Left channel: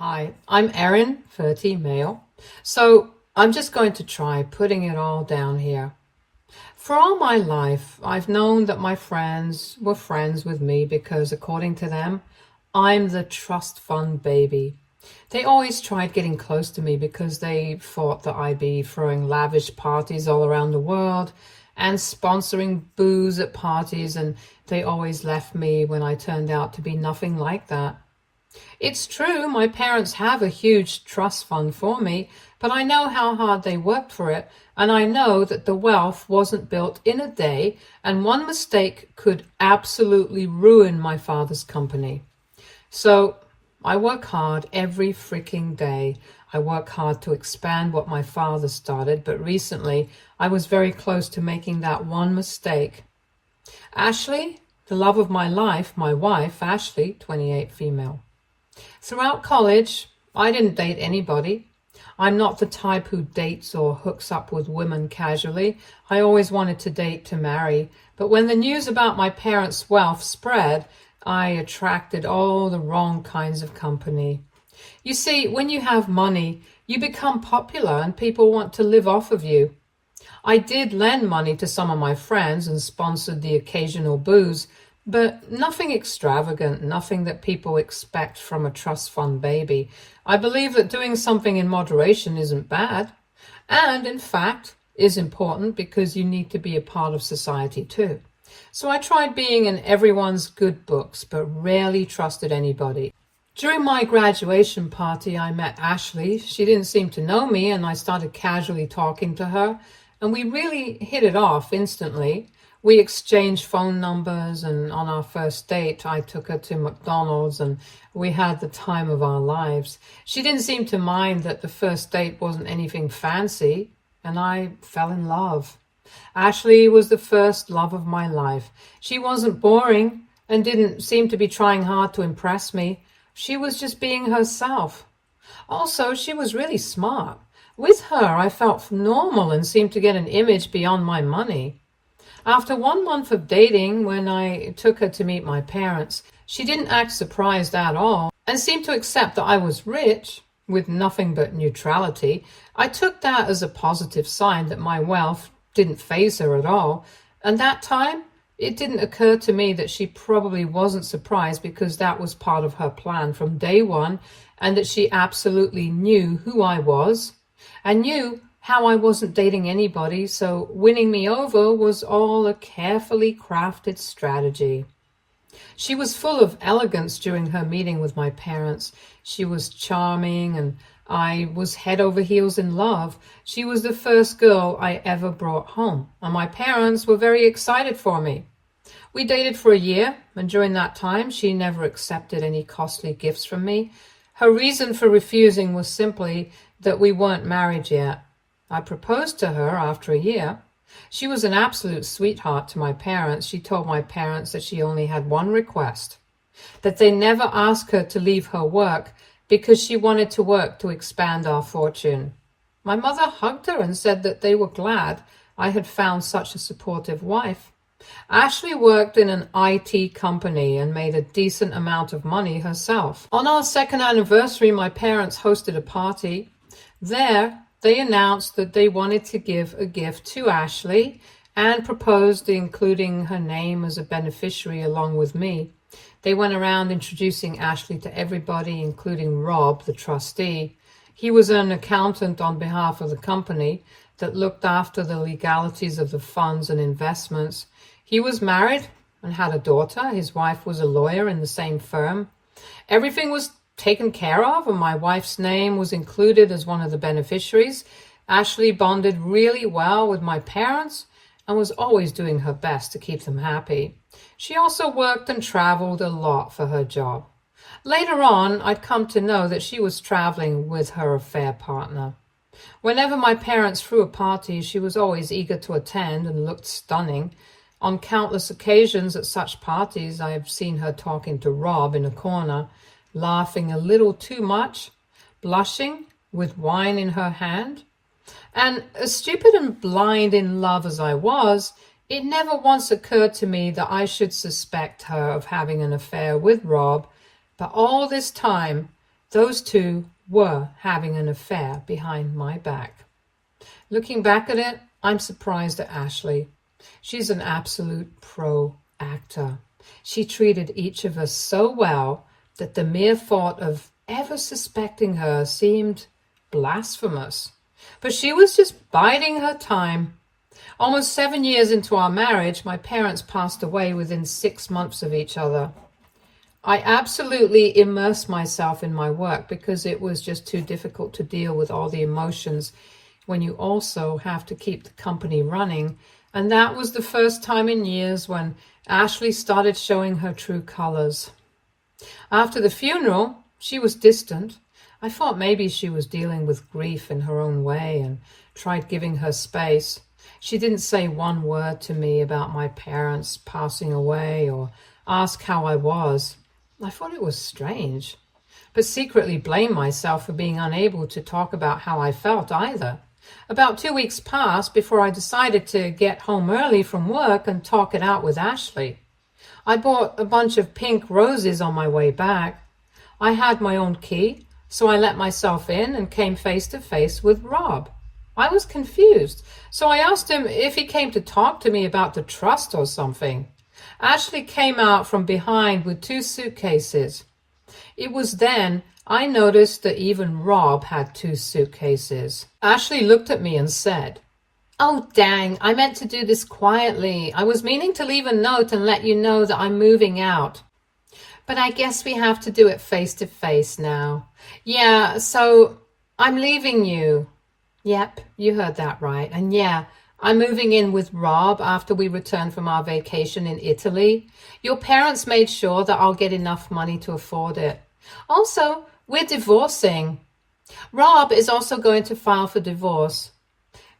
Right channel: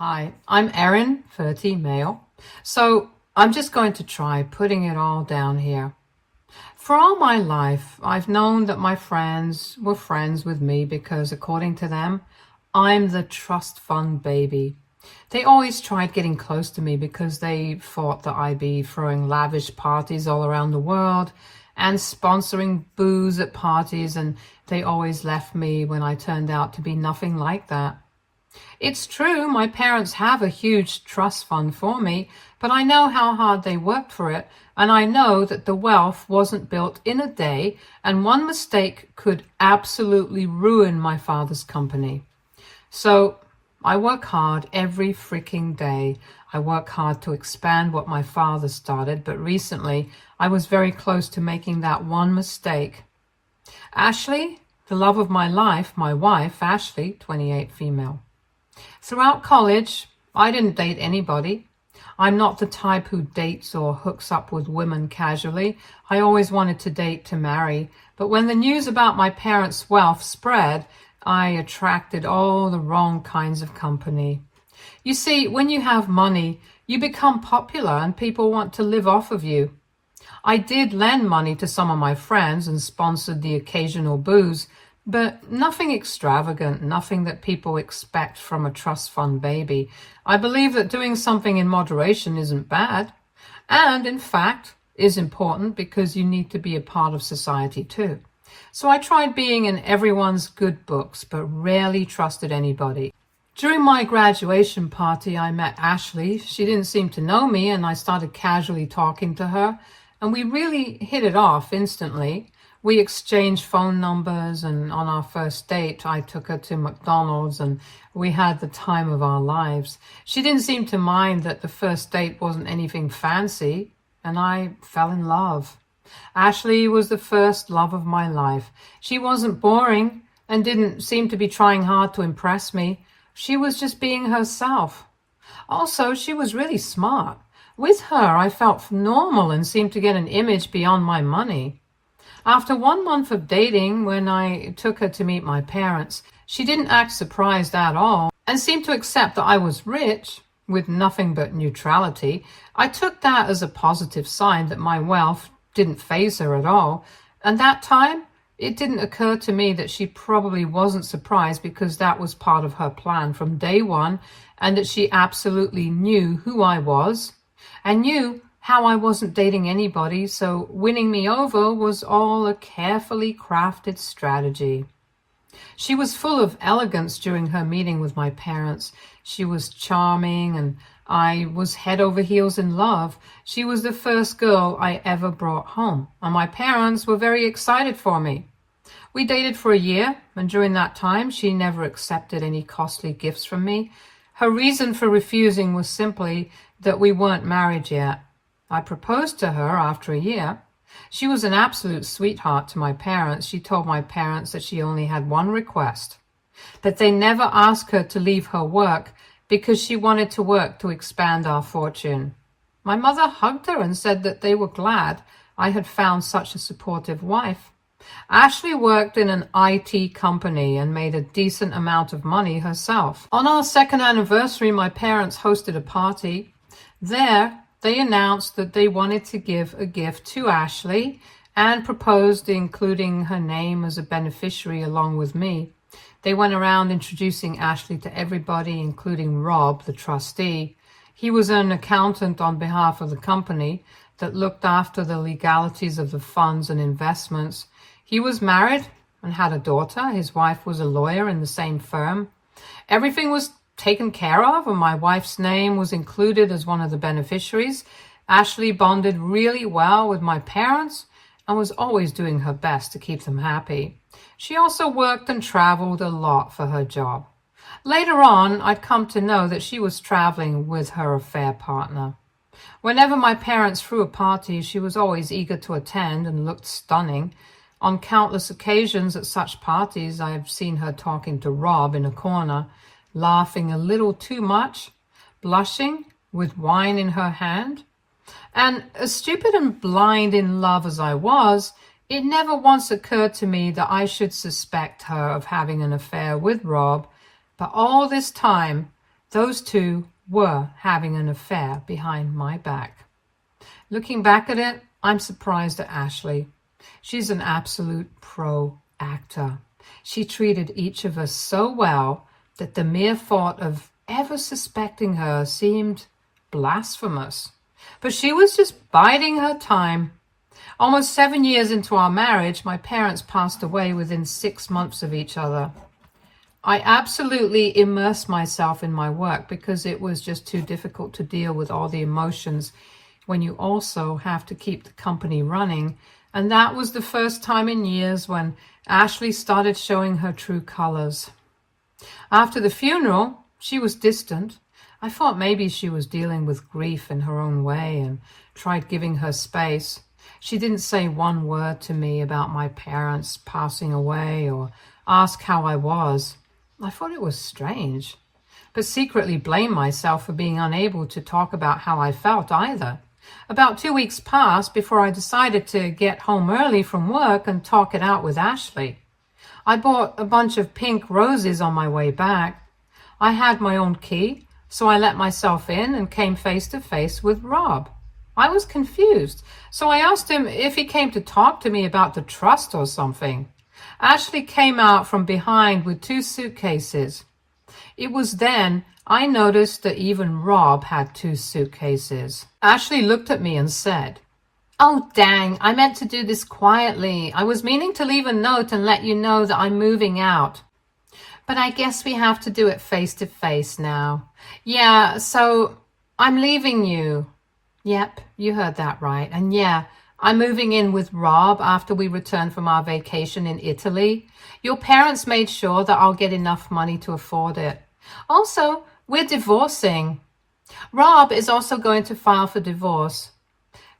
Hi, I'm Erin, 30, male. So I'm just going to try putting it all down here. For all my life, I've known that my friends were friends with me because, according to them, I'm the trust fund baby. They always tried getting close to me because they thought that I'd be throwing lavish parties all around the world and sponsoring booze at parties, and they always left me when I turned out to be nothing like that. It's true, my parents have a huge trust fund for me, but I know how hard they worked for it, and I know that the wealth wasn't built in a day, and one mistake could absolutely ruin my father's company. So I work hard every freaking day. I work hard to expand what my father started, but recently I was very close to making that one mistake. Ashley, the love of my life, my wife, Ashley, 28, female. Throughout college, I didn't date anybody. I'm not the type who dates or hooks up with women casually. I always wanted to date to marry. But when the news about my parents' wealth spread, I attracted all the wrong kinds of company. You see, when you have money, you become popular and people want to live off of you. I did lend money to some of my friends and sponsored the occasional booze, but nothing extravagant, nothing that people expect from a trust fund baby. I believe that doing something in moderation isn't bad, and in fact is important because you need to be a part of society too. So I tried being in everyone's good books, but rarely trusted anybody. During my graduation party, I met Ashley. She didn't seem to know me, and I started casually talking to her, and we really hit it off instantly. We exchanged phone numbers, and on our first date, I took her to McDonald's and we had the time of our lives. She didn't seem to mind that the first date wasn't anything fancy, and I fell in love. Ashley was the first love of my life. She wasn't boring and didn't seem to be trying hard to impress me. She was just being herself. Also, she was really smart. With her, I felt normal and seemed to get an image beyond my money. After 1 month of dating, when I took her to meet my parents, she didn't act surprised at all and seemed to accept that I was rich with nothing but neutrality. I took that as a positive sign that my wealth didn't faze her at all. And that time, it didn't occur to me that she probably wasn't surprised because that was part of her plan from day one, and that she absolutely knew who I was and knew how I wasn't dating anybody, so winning me over was all a carefully crafted strategy. She was full of elegance during her meeting with my parents. She was charming, and I was head over heels in love. She was the first girl I ever brought home, and my parents were very excited for me. We dated for a year, and during that time, she never accepted any costly gifts from me. Her reason for refusing was simply that we weren't married yet. I proposed to her after a year. She was an absolute sweetheart to my parents. She told my parents that she only had one request, that they never ask her to leave her work because she wanted to work to expand our fortune. My mother hugged her and said that they were glad I had found such a supportive wife. Ashley worked in an IT company and made a decent amount of money herself. On our second anniversary, my parents hosted a party. There, they announced that they wanted to give a gift to Ashley and proposed including her name as a beneficiary along with me. They went around introducing Ashley to everybody, including Rob, the trustee. He was an accountant on behalf of the company that looked after the legalities of the funds and investments. He was married and had a daughter. His wife was a lawyer in the same firm. Everything was taken care of, and my wife's name was included as one of the beneficiaries. Ashley bonded really well with my parents and was always doing her best to keep them happy. She also worked and traveled a lot for her job. Later on, I'd come to know that she was traveling with her affair partner. Whenever my parents threw a party, she was always eager to attend and looked stunning. On countless occasions at such parties, I've seen her talking to Rob in a corner, laughing a little too much, blushing, with wine in her hand. And as stupid and blind in love as I was, it never once occurred to me that I should suspect her of having an affair with Rob. But all this time, Those two were having an affair behind my back. Looking back at it, I'm surprised at Ashley. She's an absolute pro actor. She treated each of us so well that the mere thought of ever suspecting her seemed blasphemous. But she was just biding her time. Almost 7 years into our marriage, my parents passed away within 6 months of each other. I absolutely immersed myself in my work because it was just too difficult to deal with all the emotions when you also have to keep the company running. And that was the first time in years when Ashley started showing her true colors. After the funeral, she was distant. I thought maybe she was dealing with grief in her own way and tried giving her space. She didn't say one word to me about my parents passing away or ask how I was. I thought it was strange, but secretly blamed myself for being unable to talk about how I felt either. About 2 weeks passed before I decided to get home early from work and talk it out with Ashley. I bought a bunch of pink roses on my way back. I had my own key, so I let myself in and came face to face with Rob. I was confused, so I asked him if he came to talk to me about the trust or something. Ashley came out from behind with 2 suitcases. It was then I noticed that even Rob had 2 suitcases. Ashley looked at me and said, "Oh, dang, I meant to do this quietly. I was meaning to leave a note and let you know that I'm moving out. But I guess we have to do it face to face now. Yeah, so I'm leaving you." Yep, you heard that right. And yeah, I'm moving in with Rob after we return from our vacation in Italy. Your parents made sure that I'll get enough money to afford it. Also, we're divorcing. Rob is also going to file for divorce.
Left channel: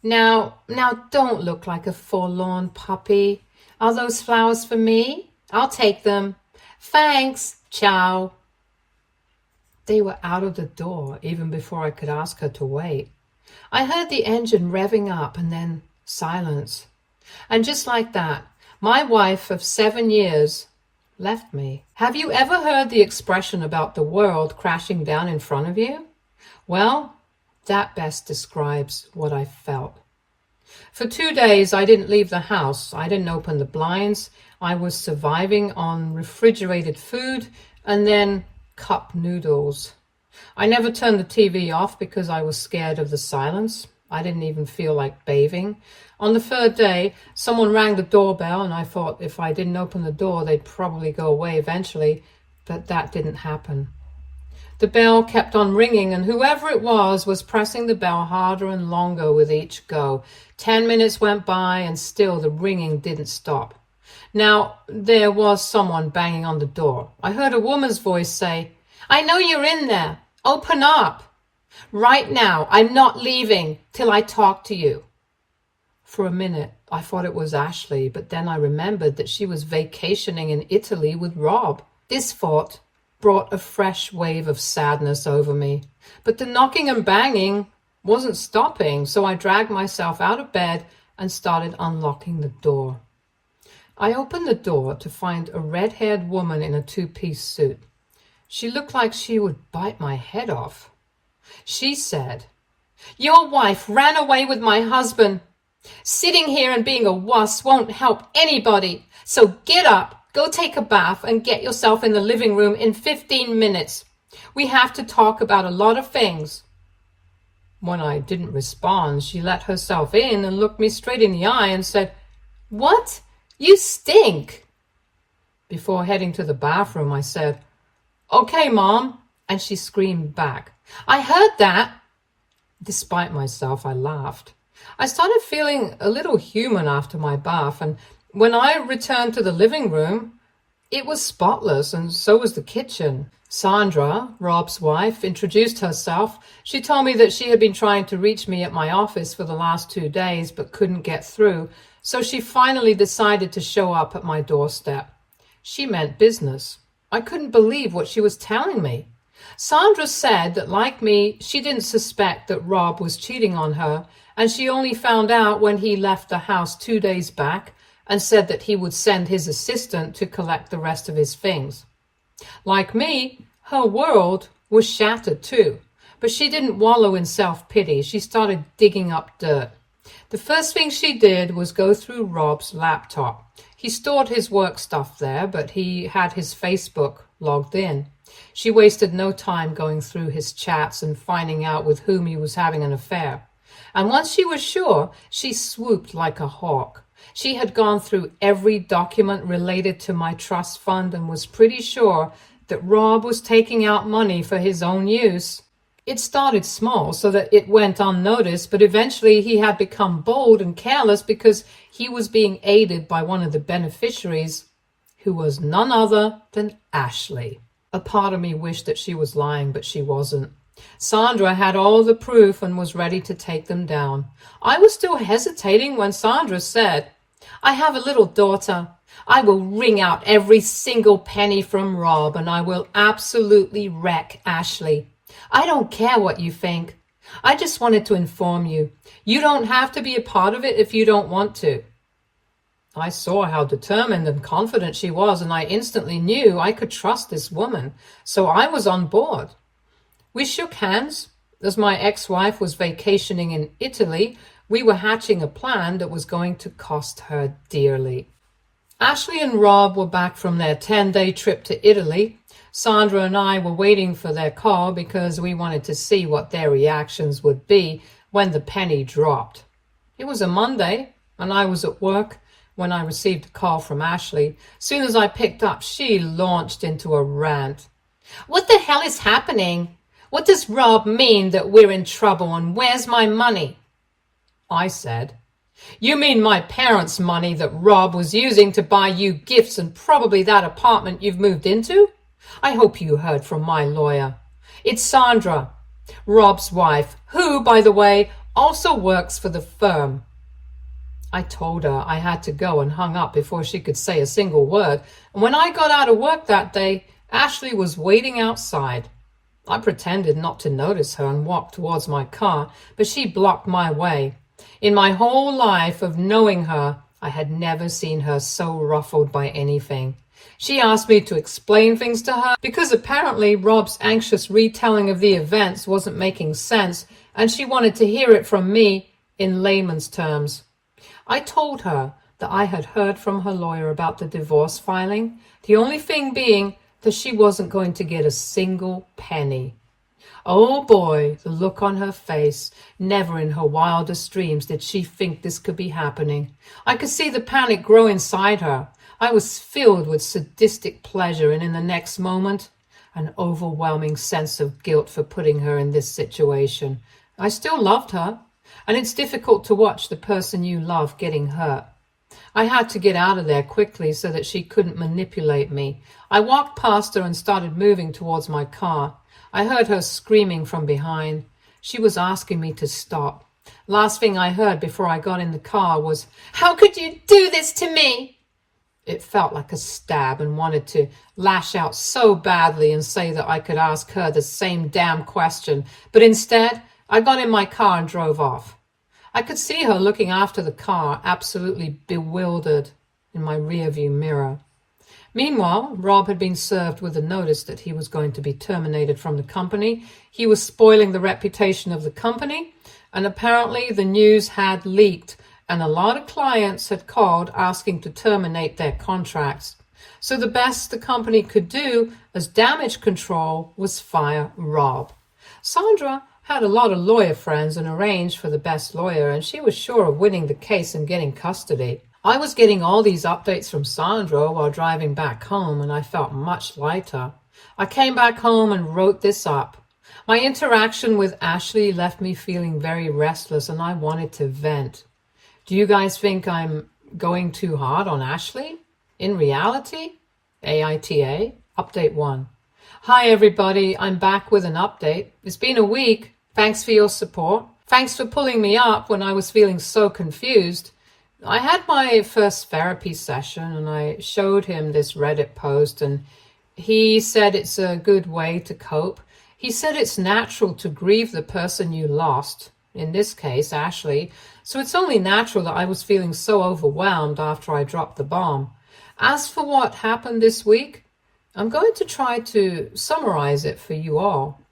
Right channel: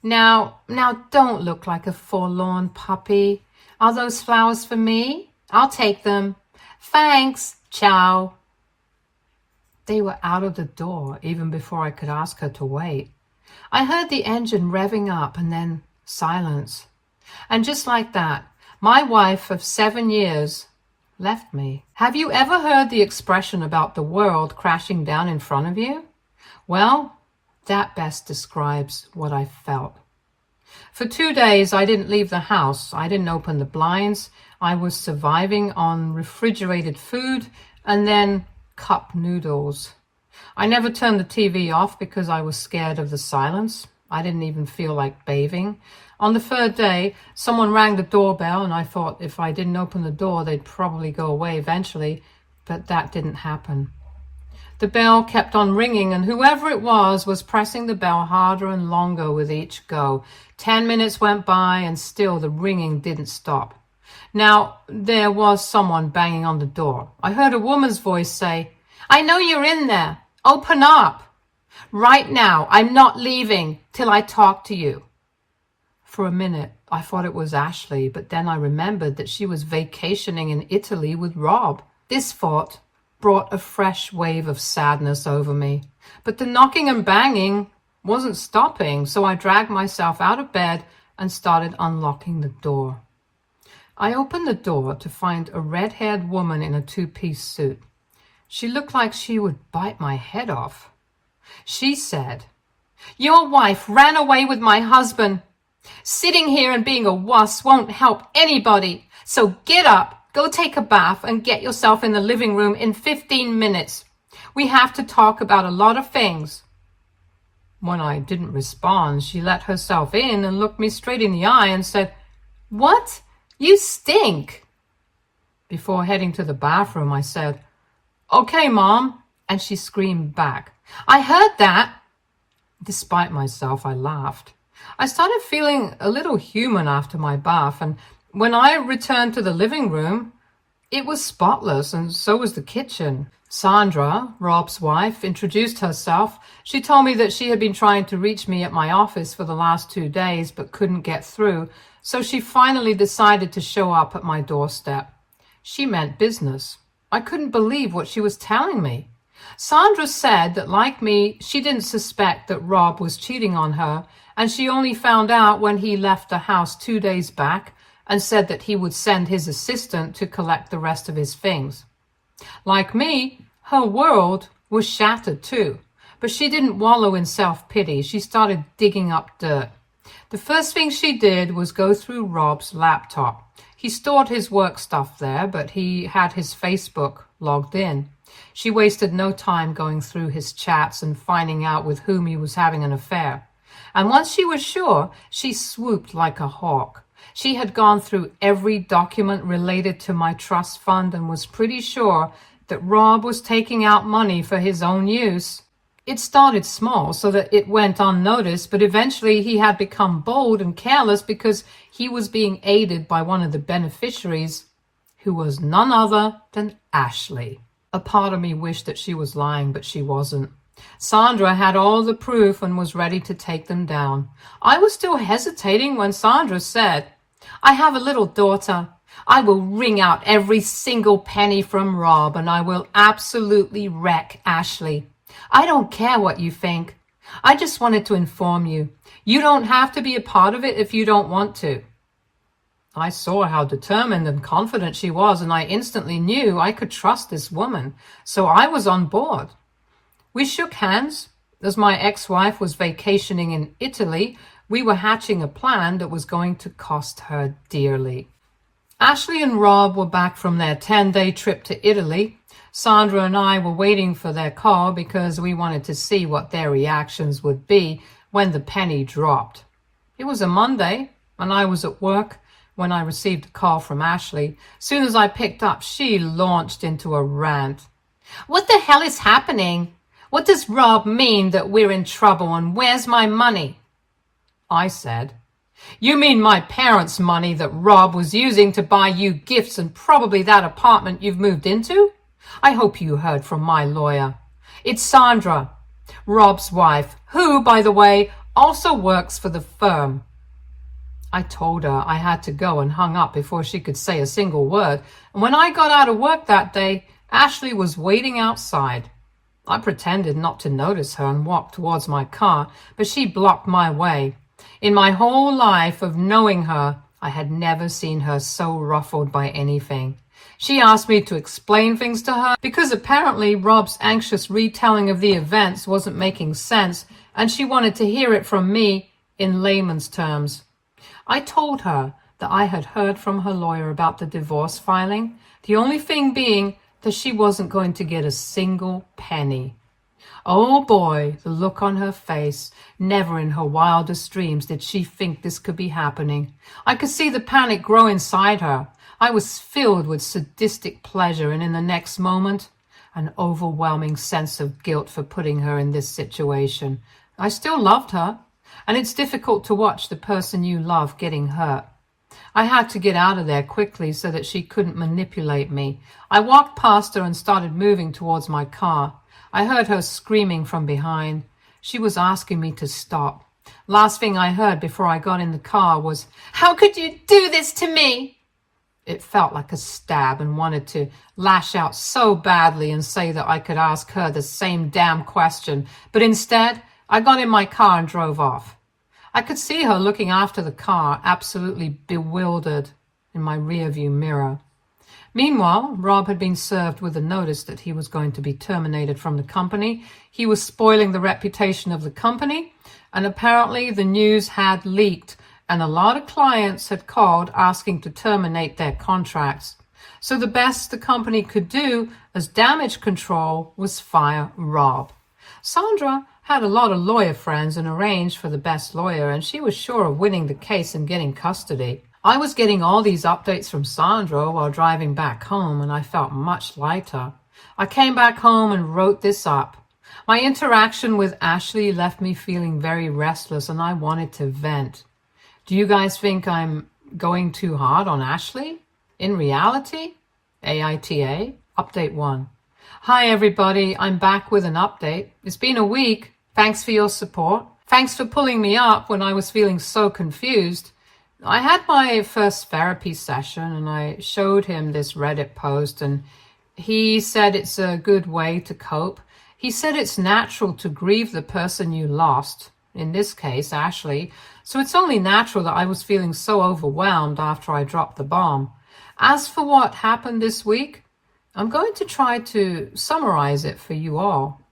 Now don't look like a forlorn puppy. Are those flowers for me? I'll take them. Thanks. Ciao. They were out of the door even before I could ask her to wait. I heard the engine revving up and then silence. And just like that, my wife of 7 years left me. Have you ever heard the expression about the world crashing down in front of you? Well, that best describes what I felt. For 2 days, I didn't leave the house. I didn't open the blinds. I was surviving on refrigerated food and then cup noodles. I never turned the TV off because I was scared of the silence. I didn't even feel like bathing. On the 3rd day, someone rang the doorbell, and I thought if I didn't open the door, they'd probably go away eventually, but that didn't happen. The bell kept on ringing, and whoever it was pressing the bell harder and longer with each go. 10 minutes went by, and still the ringing didn't stop. Now, there was someone banging on the door. I heard a woman's voice say, "I know you're in there. Open up. Right now, I'm not leaving till I talk to you." For a minute, I thought it was Ashley, but then I remembered that she was vacationing in Italy with Rob. This thought brought a fresh wave of sadness over me. But the knocking and banging wasn't stopping, so I dragged myself out of bed and started unlocking the door. I opened the door to find a red-haired woman in a 2-piece suit. She looked like she would bite my head off. She said, "Your wife ran away with my husband. Sitting here and being a wuss won't help anybody. So get up, go take a bath, and get yourself in the living room in 15 minutes. We have to talk about a lot of things." When I didn't respond, she let herself in and looked me straight in the eye and said, "What? You stink." Before heading to the bathroom, I said, "Okay, Mom," and she screamed back, "I heard that." Despite myself, I laughed. I started feeling a little human after my bath, and when I returned to the living room, it was spotless, and so was the kitchen. Sandra, Rob's wife, introduced herself. She told me that she had been trying to reach me at my office for the last 2 days, but couldn't get through, so she finally decided to show up at my doorstep. She meant business. I couldn't believe what she was telling me. Sandra said that, like me, she didn't suspect that Rob was cheating on her, and she only found out when he left the house 2 days back and said that he would send his assistant to collect the rest of his things. Like me, her world was shattered too. But she didn't wallow in self-pity. She started digging up dirt. The first thing she did was go through Rob's laptop. He stored his work stuff there, but he had his Facebook logged in. She wasted no time going through his chats and finding out with whom he was having an affair. And once she was sure, she swooped like a hawk. She had gone through every document related to my trust fund and was pretty sure that Rob was taking out money for his own use. It started small so that it went unnoticed, but eventually he had become bold and careless because he was being aided by one of the beneficiaries, who was none other than Ashley. A part of me wished that she was lying, but she wasn't. Sandra had all the proof and was ready to take them down. I was still hesitating when Sandra said, "I have a little daughter. I will wring out every single penny from Rob, and I will absolutely wreck Ashley. I don't care what you think. I just wanted to inform you. You don't have to be a part of it if you don't want to." I saw how determined and confident she was, and I instantly knew I could trust this woman, so I was on board. We shook hands. As my ex-wife was vacationing in Italy, we were hatching a plan that was going to cost her dearly. Ashley and Rob were back from their 10-day trip to Italy. Sandra and I were waiting for their call because we wanted to see what their reactions would be when the penny dropped. It was a Monday, and I was at work when I received a call from Ashley. Soon as I picked up, she launched into a rant. "What the hell is happening? What does Rob mean that we're in trouble, and where's my money?" I said, "You mean my parents' money that Rob was using to buy you gifts and probably that apartment you've moved into? I hope you heard from my lawyer. It's Sandra, Rob's wife, who, by the way, also works for the firm." I told her I had to go and hung up before she could say a single word. And when I got out of work that day, Ashley was waiting outside. I pretended not to notice her and walked towards my car, but she blocked my way. In my whole life of knowing her, I had never seen her so ruffled by anything. She asked me to explain things to her because apparently Rob's anxious retelling of the events wasn't making sense, and she wanted to hear it from me in layman's terms. I told her that I had heard from her lawyer about the divorce filing, the only thing being that she wasn't going to get a single penny. Oh boy, the look on her face. Never in her wildest dreams did she think this could be happening. I could see the panic grow inside her. I was filled with sadistic pleasure, and in the next moment, an overwhelming sense of guilt for putting her in this situation. I still loved her, and it's difficult to watch the person you love getting hurt. I had to get out of there quickly so that she couldn't manipulate me. I walked past her and started moving towards my car. I heard her screaming from behind. She was asking me to stop. Last thing I heard before I got in the car was, "How could you do this to me?" It felt like a stab and wanted to lash out so badly and say that I could ask her the same damn question. But instead, I got in my car and drove off. I could see her looking after the car, absolutely bewildered, in my rearview mirror. Meanwhile, Rob had been served with a notice that he was going to be terminated from the company. He was spoiling the reputation of the company, and apparently the news had leaked, and a lot of clients had called asking to terminate their contracts. So the best the company could do as damage control was fire Rob. Sandra had a lot of lawyer friends and arranged for the best lawyer, and she was sure of winning the case and getting custody. I was getting all these updates from Sandra while driving back home, and I felt much lighter. I came back home and wrote this up. My interaction with Ashley left me feeling very restless, and I wanted to vent. Do you guys think I'm going too hard on Ashley? In reality? AITA, Update 1. Hi everybody, I'm back with an update. It's been a week. Thanks for your support. Thanks for pulling me up when I was feeling so confused. I had my first therapy session and I showed him this Reddit post, and he said it's a good way to cope. He said it's natural to grieve the person you lost, in this case, Ashley, so it's only natural that I was feeling so overwhelmed after I dropped the bomb. As for what happened this week, I'm going to try to summarize it for you all.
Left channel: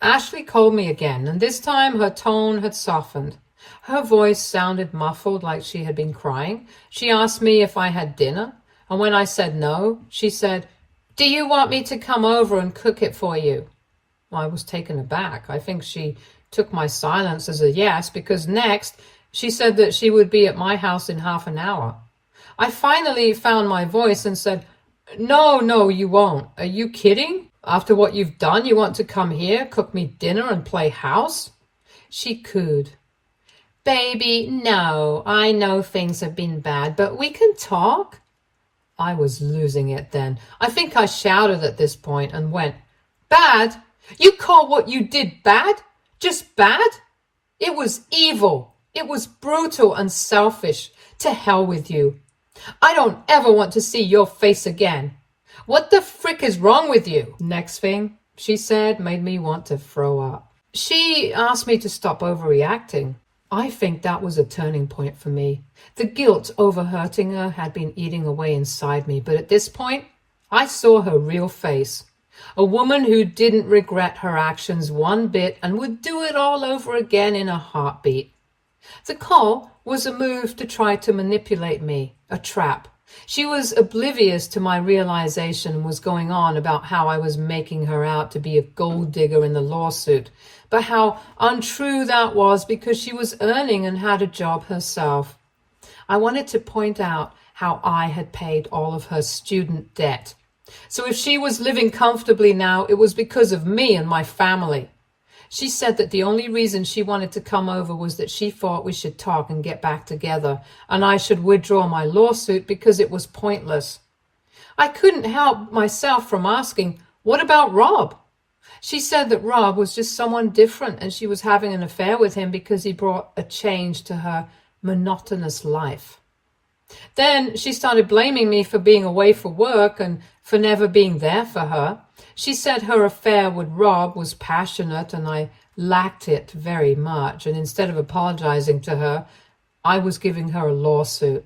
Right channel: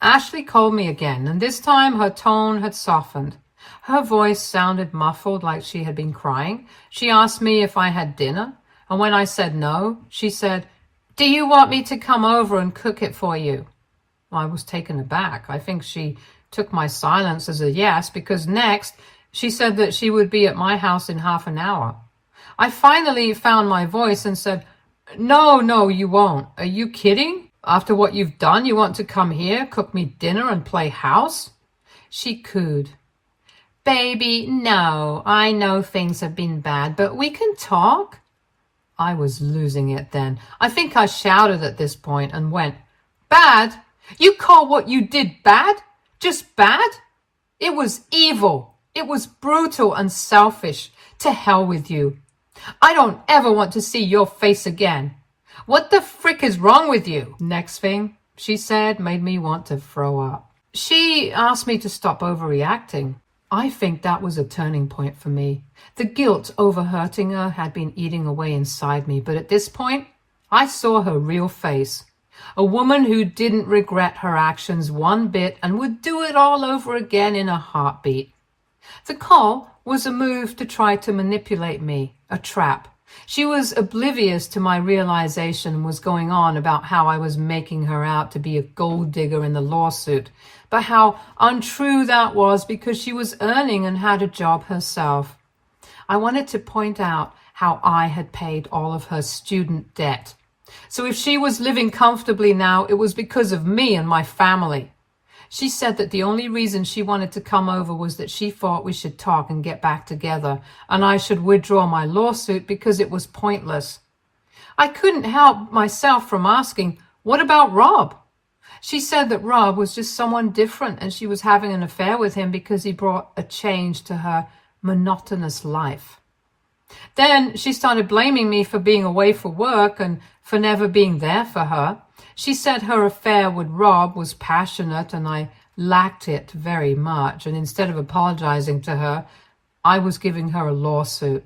Ashley called me again, and this time her tone had softened. Her voice sounded muffled, like she had been crying. She asked me if I had dinner, and when I said no, she said, "Do you want me to come over and cook it for you?" I was taken aback. I think she took my silence as a yes, because next she said that she would be at my house in half an hour. I finally found my voice and said, No, you won't. Are you kidding? After what you've done, you want to come here, cook me dinner, and play house? She cooed. Baby, no, I know things have been bad, but we can talk. I was losing it then. I think I shouted at this point and went, Bad? You call what you did bad? Just bad? It was evil. It was brutal and selfish. To hell with you. I don't ever want to see your face again. What the frick is wrong with you? Next thing she said made me want to throw up. She asked me to stop overreacting. I think that was a turning point for me. The guilt over hurting her had been eating away inside me, but at this point, I saw her real face. A woman who didn't regret her actions one bit and would do it all over again in a heartbeat. The call was a move to try to manipulate me, a trap. She was oblivious to my realization was going on about how I was making her out to be a gold digger in the lawsuit, but how untrue that was because she was earning and had a job herself. I wanted to point out how I had paid all of her student debt. So if she was living comfortably now, it was because of me and my family. She said that the only reason she wanted to come over was that she thought we should talk and get back together, and I should withdraw my lawsuit because it was pointless. I couldn't help myself from asking, what about Rob? She said that Rob was just someone different and she was having an affair with him because he brought a change to her monotonous life. Then she started blaming me for being away for work and for never being there for her. She said her affair with Rob was passionate and I lacked it very much, and instead of apologizing to her, I was giving her a lawsuit.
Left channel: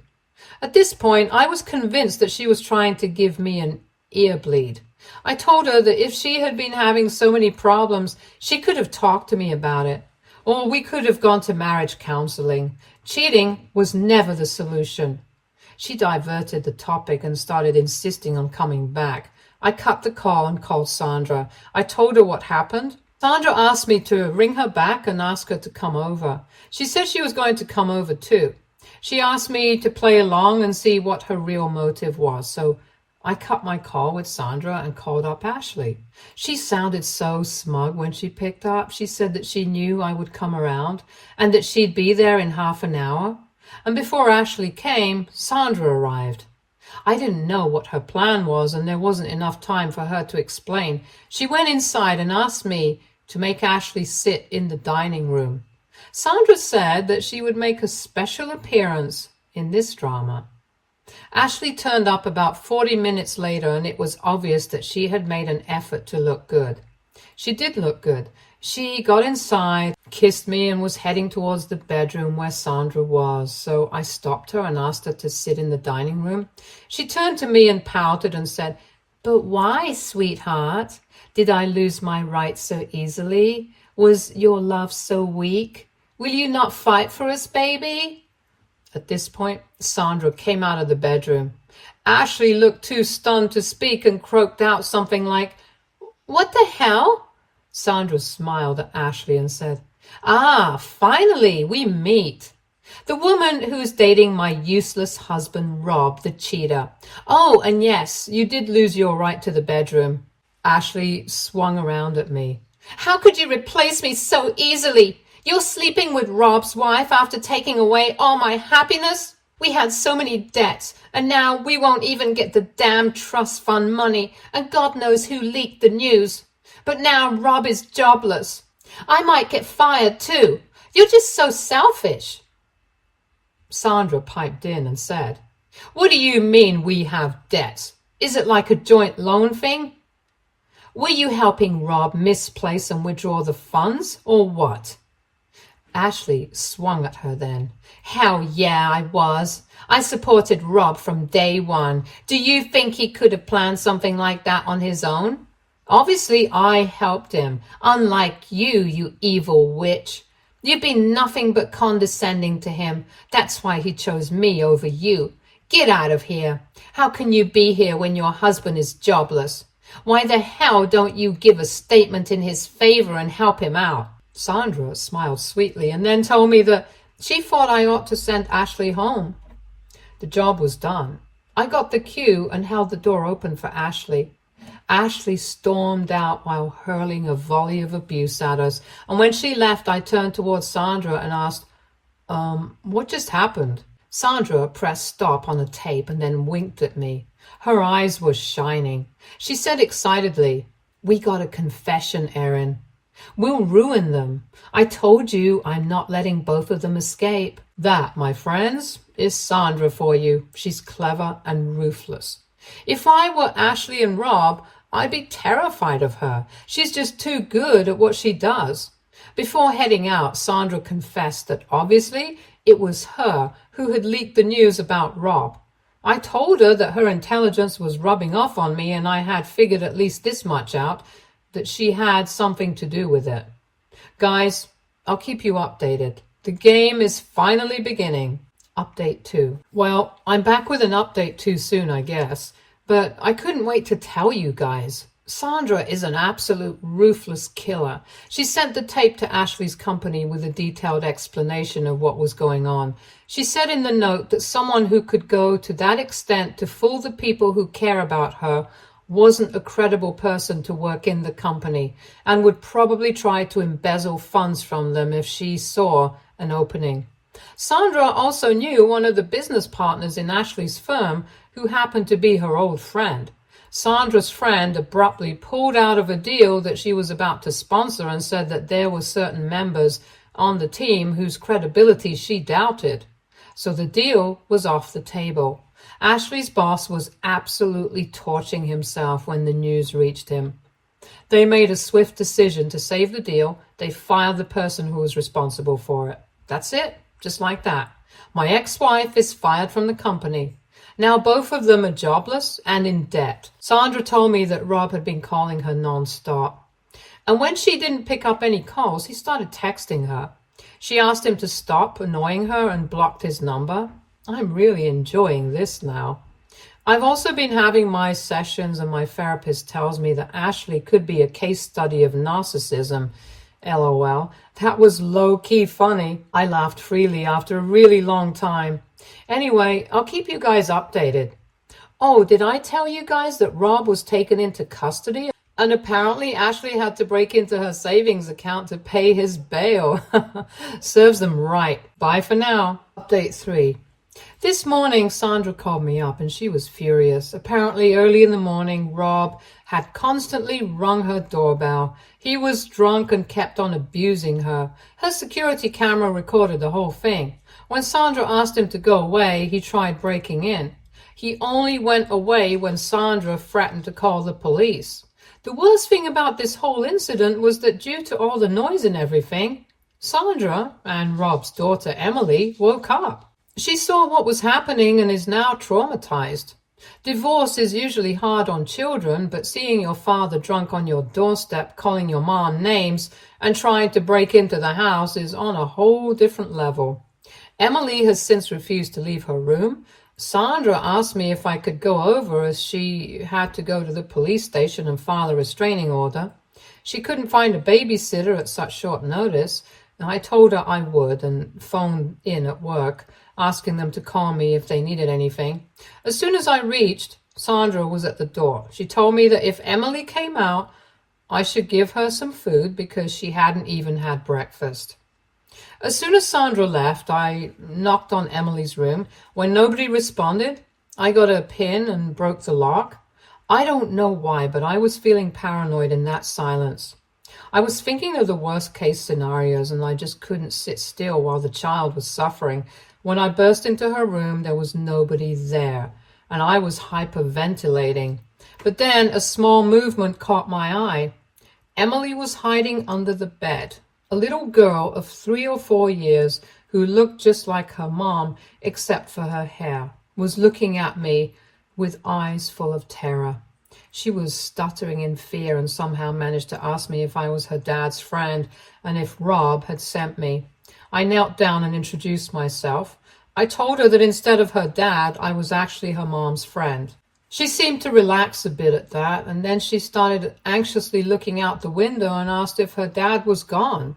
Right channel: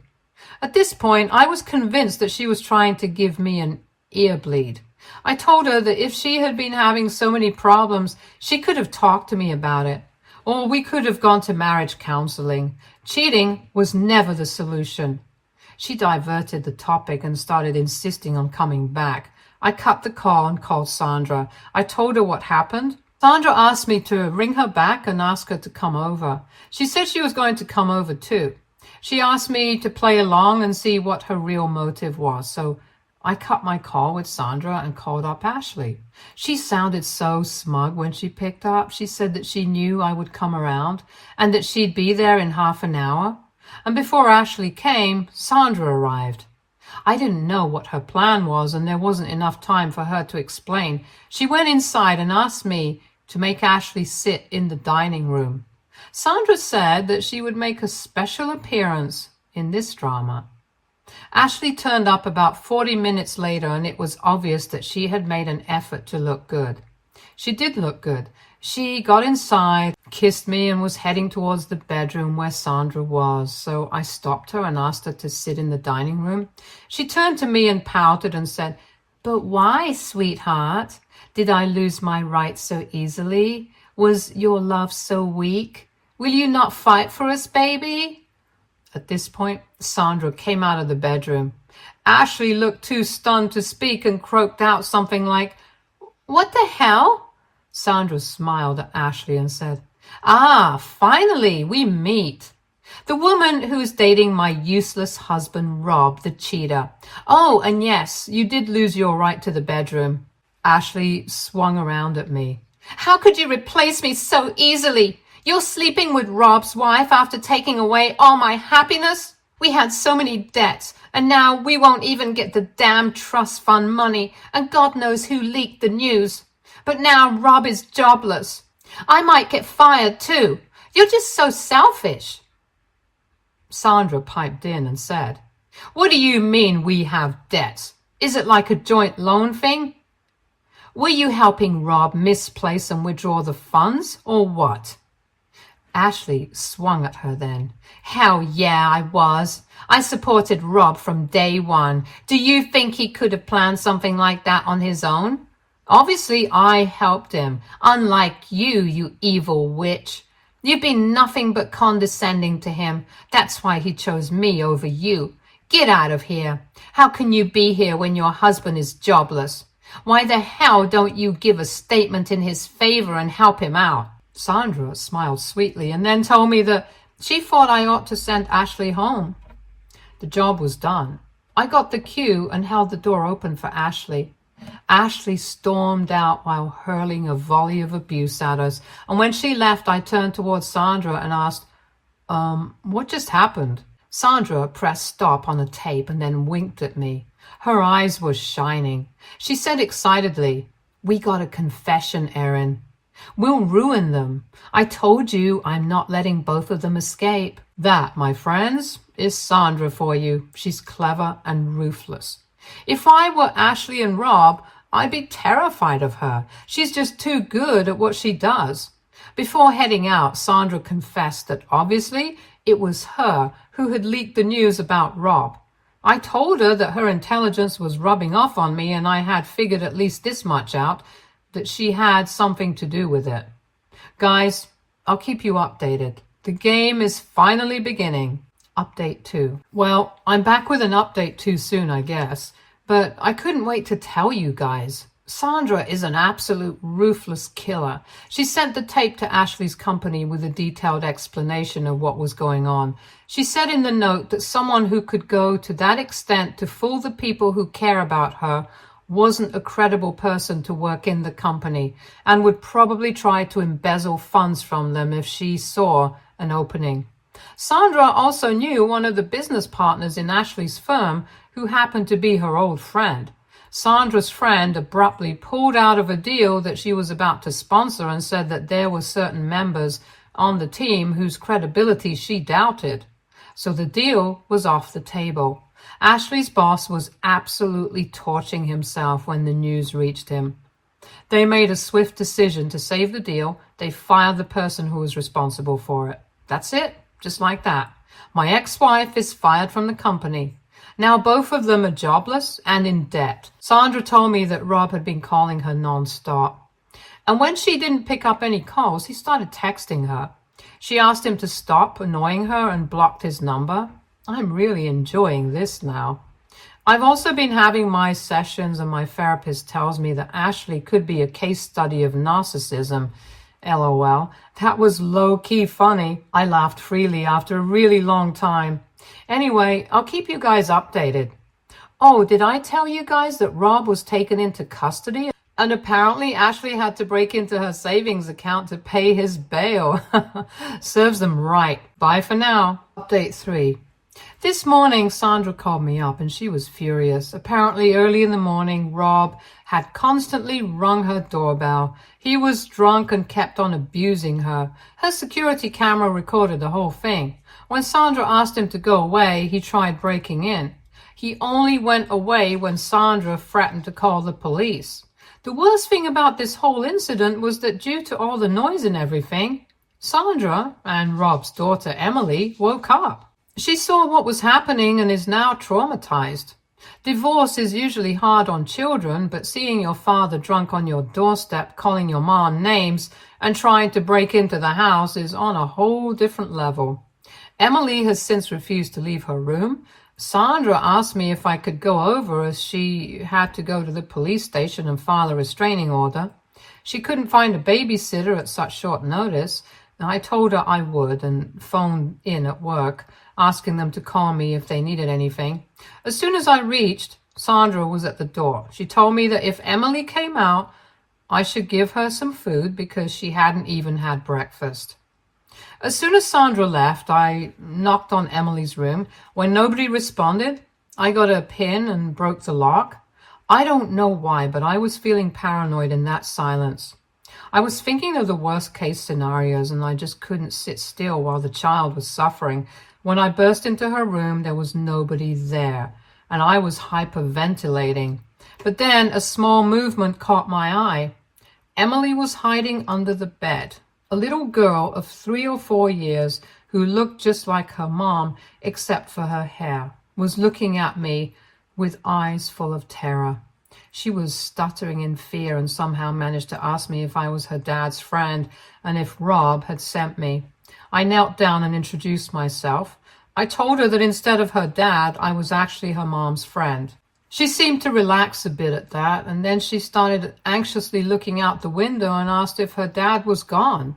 At this point, I was convinced that she was trying to give me an ear bleed. I told her that if she had been having so many problems, she could have talked to me about it, or we could have gone to marriage counseling. Cheating was never the solution. She diverted the topic and started insisting on coming back. I cut the call and called Sandra. I told her what happened. Sandra asked me to ring her back and ask her to come over. She said she was going to come over too. She asked me to play along and see what her real motive was. So I cut my call with Sandra and called up Ashley. She sounded so smug when she picked up. She said that she knew I would come around and that she'd be there in half an hour. And before Ashley came, Sandra arrived. I didn't know what her plan was, and there wasn't enough time for her to explain. She went inside and asked me to make Ashley sit in the dining room. Sandra said that she would make a special appearance in this drama. Ashley turned up about 40 minutes later, and it was obvious that she had made an effort to look good. She did look good. She got inside, kissed me, and was heading towards the bedroom where Sandra was. So I stopped her and asked her to sit in the dining room. She turned to me and pouted and said, "But why, sweetheart? Did I lose my rights so easily? Was your love so weak? Will you not fight for us, baby?" At this point, Sandra came out of the bedroom. Ashley looked too stunned to speak and croaked out something like, "What the hell?" Sandra smiled at Ashley and said, "Ah, finally, we meet. The woman who is dating my useless husband, Rob, the cheater. Oh, and yes, you did lose your right to the bedroom." Ashley swung around at me. "How could you replace me so easily? You're sleeping with Rob's wife after taking away all my happiness? We had so many debts, and now we won't even get the damn trust fund money, and God knows who leaked the news. But now Rob is jobless. I might get fired too. You're just so selfish." Sandra piped in and said, "What do you mean we have debts? Is it like a joint loan thing? Were you helping Rob misplace and withdraw the funds, or what?" Ashley swung at her then. Hell yeah, I was. I supported Rob from day one. Do you think he could have planned something like that on his own? Obviously, I helped him. Unlike you, you evil witch. You've been nothing but condescending to him. That's why he chose me over you. Get out of here. How can you be here when your husband is jobless? Why the hell don't you give a statement in his favor and help him out? Sandra smiled sweetly and then told me that she thought I ought to send Ashley home. The job was done. I got the cue and held the door open for Ashley. Ashley stormed out while hurling a volley of abuse at us, and when she left, I turned towards Sandra and asked, what just happened? Sandra pressed stop on a tape and then winked at me. Her eyes were shining. She said excitedly, we got a confession, Erin. We'll ruin them. I told you I'm not letting both of them escape. That, my friends, is Sandra for you. She's clever and ruthless. If I were Ashley and Rob, I'd be terrified of her. She's just too good at what she does. Before heading out, Sandra confessed that obviously it was her who had leaked the news about Rob. I told her that her intelligence was rubbing off on me, and I had figured at least this much out, that she had something to do with it. Guys, I'll keep you updated. The game is finally beginning. Update 2. Well, I'm back with an update too soon, I guess, but I couldn't wait to tell you guys. Sandra is an absolute ruthless killer. She sent the tape to Ashley's company with a detailed explanation of what was going on. She said in the note that someone who could go to that extent to fool the people who care about her wasn't a credible person to work in the company and would probably try to embezzle funds from them if she saw an opening. Sandra also knew one of the business partners in Ashley's firm who happened to be her old friend. Sandra's friend abruptly pulled out of a deal that she was about to sponsor and said that there were certain members on the team whose credibility she doubted. So the deal was off the table. Ashley's boss was absolutely torching himself when the news reached him. They made a swift decision to save the deal. They fired the person who was responsible for it. That's it, just like that. My ex-wife is fired from the company. Now both of them are jobless and in debt. Sandra told me that Rob had been calling her non-stop. And when she didn't pick up any calls, he started texting her. She asked him to stop annoying her and blocked his number. I'm really enjoying this now. I've also been having my sessions and my therapist tells me that Ashley could be a case study of narcissism. LOL. That was low-key funny. I laughed freely after a really long time. Anyway, I'll keep you guys updated. Oh, did I tell you guys that Rob was taken into custody? And apparently Ashley had to break into her savings account to pay his bail. Serves them right. Bye for now. Update 3. This morning, Sandra called me up and she was furious. Apparently, early in the morning, Rob had constantly rung her doorbell. He was drunk and kept on abusing her. Her security camera recorded the whole thing. When Sandra asked him to go away, he tried breaking in. He only went away when Sandra threatened to call the police. The worst thing about this whole incident was that due to all the noise and everything, Sandra and Rob's daughter Emily woke up. She saw what was happening and is now traumatized. Divorce is usually hard on children, but seeing your father drunk on your doorstep, calling your mom names, and trying to break into the house is on a whole different level. Emily has since refused to leave her room. Sandra asked me if I could go over as she had to go to the police station and file a restraining order. She couldn't find a babysitter at such short notice. I told her I would and phoned in at work, asking them to call me if they needed anything. As soon as I reached, Sandra was at the door. She told me that if Emily came out, I should give her some food because she hadn't even had breakfast. As soon as Sandra left, I knocked on Emily's room. When nobody responded, I got a pin and broke the lock. I don't know why, but I was feeling paranoid in that silence. I was thinking of the worst case scenarios and I just couldn't sit still while the child was suffering. When I burst into her room, there was nobody there and I was hyperventilating. But then a small movement caught my eye. Emily was hiding under the bed, A little girl of 3 or 4 years who looked just like her mom except for her hair was looking at me with eyes full of terror. She was stuttering in fear and somehow managed to ask me if I was her dad's friend and if Rob had sent me. I knelt down and introduced myself. I told her that instead of her dad, I was actually her mom's friend. She seemed to relax a bit at that, and then she started anxiously looking out the window and asked if her dad was gone.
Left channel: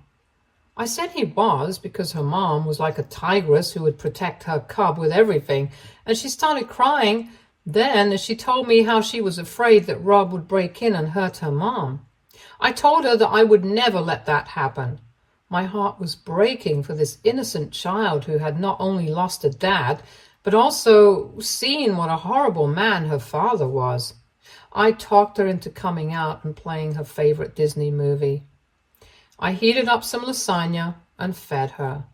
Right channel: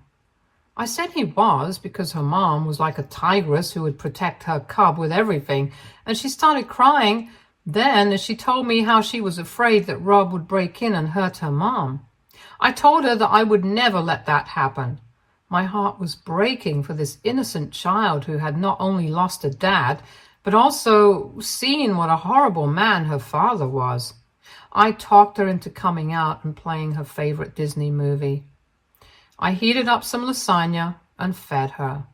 I said he was, because her mom was like a tigress who would protect her cub with everything, and she started crying. Then she told me how she was afraid that Rob would break in and hurt her mom. I told her that I would never let that happen. My heart was breaking for this innocent child who had not only lost a dad, but also seen what a horrible man her father was. I talked her into coming out and playing her favorite Disney movie. I heated up some lasagna and fed her.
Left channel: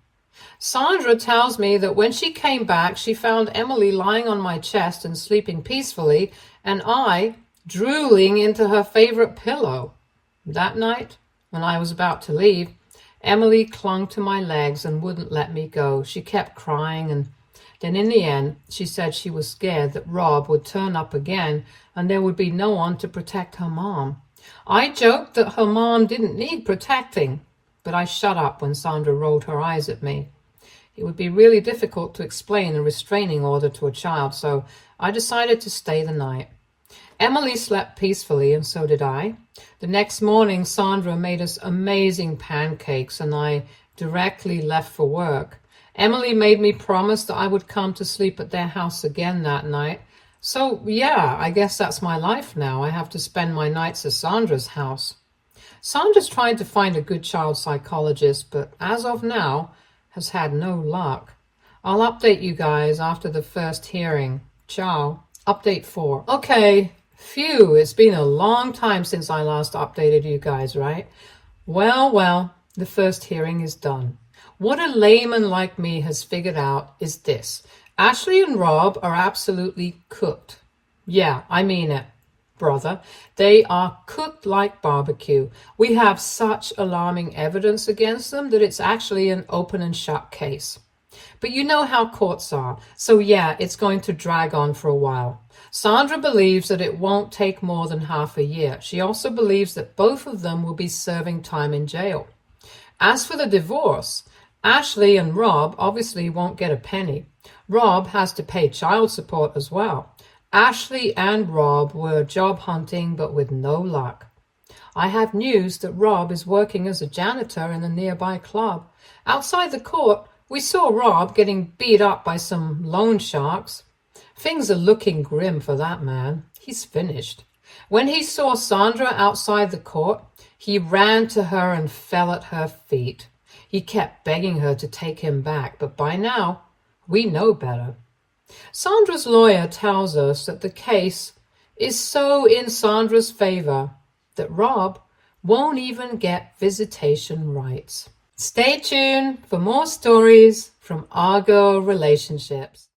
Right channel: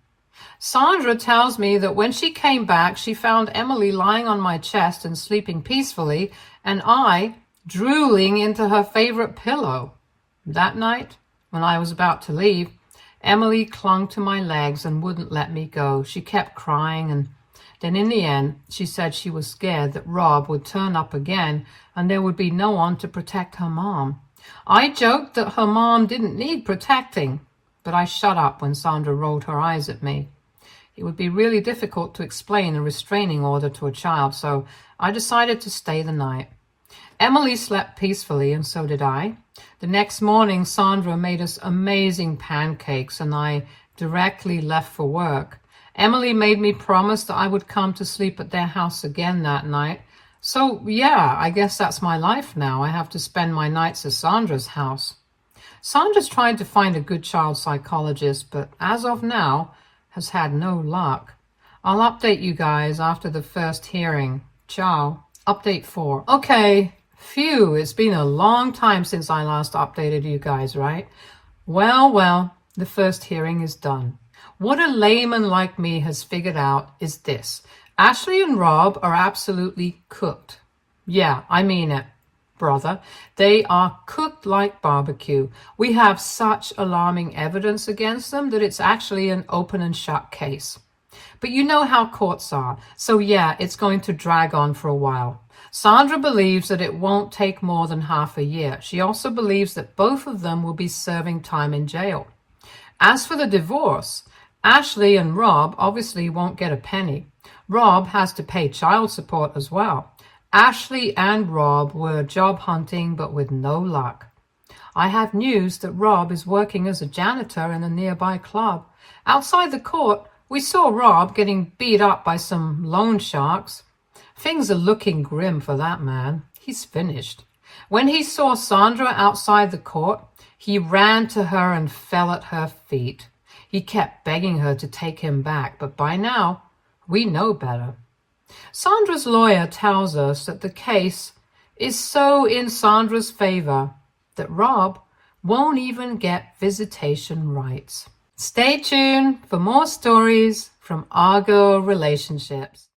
Sandra tells me that when she came back, she found Emily lying on my chest and sleeping peacefully, and I drooling into her favorite pillow. That night, when I was about to leave, Emily clung to my legs and wouldn't let me go. She kept crying, and then in the end, she said she was scared that Rob would turn up again and there would be no one to protect her mom. I joked that her mom didn't need protecting, but I shut up when Sandra rolled her eyes at me. It would be really difficult to explain a restraining order to a child, so I decided to stay the night. Emily slept peacefully, and so did I. The next morning, Sandra made us amazing pancakes, and I directly left for work. Emily made me promise that I would come to sleep at their house again that night. So, yeah, I guess that's my life now. I have to spend my nights at Sandra's house. Sandra's tried to find a good child psychologist, but as of now, has had no luck. I'll update you guys after the first hearing. Ciao. Update 4. Okay, phew, it's been a long time since I last updated you guys, right? Well, the first hearing is done. What a layman like me has figured out is this. Ashley and Rob are absolutely cooked. Yeah, I mean it, brother. They are cooked like barbecue. We have such alarming evidence against them that it's actually an open and shut case. But you know how courts are. So yeah, it's going to drag on for a while. Sandra believes that it won't take more than half a year. She also believes that both of them will be serving time in jail. As for the divorce, Ashley and Rob obviously won't get a penny. Rob has to pay child support as well. Ashley and Rob were job hunting, but with no luck. I have news that Rob is working as a janitor in a nearby club. Outside the court, we saw Rob getting beat up by some loan sharks. Things are looking grim for that man. He's finished. When he saw Sandra outside the court, he ran to her and fell at her feet. He kept begging her to take him back, but by now, we know better. Sandra's lawyer tells us that the case is so in Sandra's favor that Rob won't even get visitation rights. Stay tuned for more stories from Argo Relationships.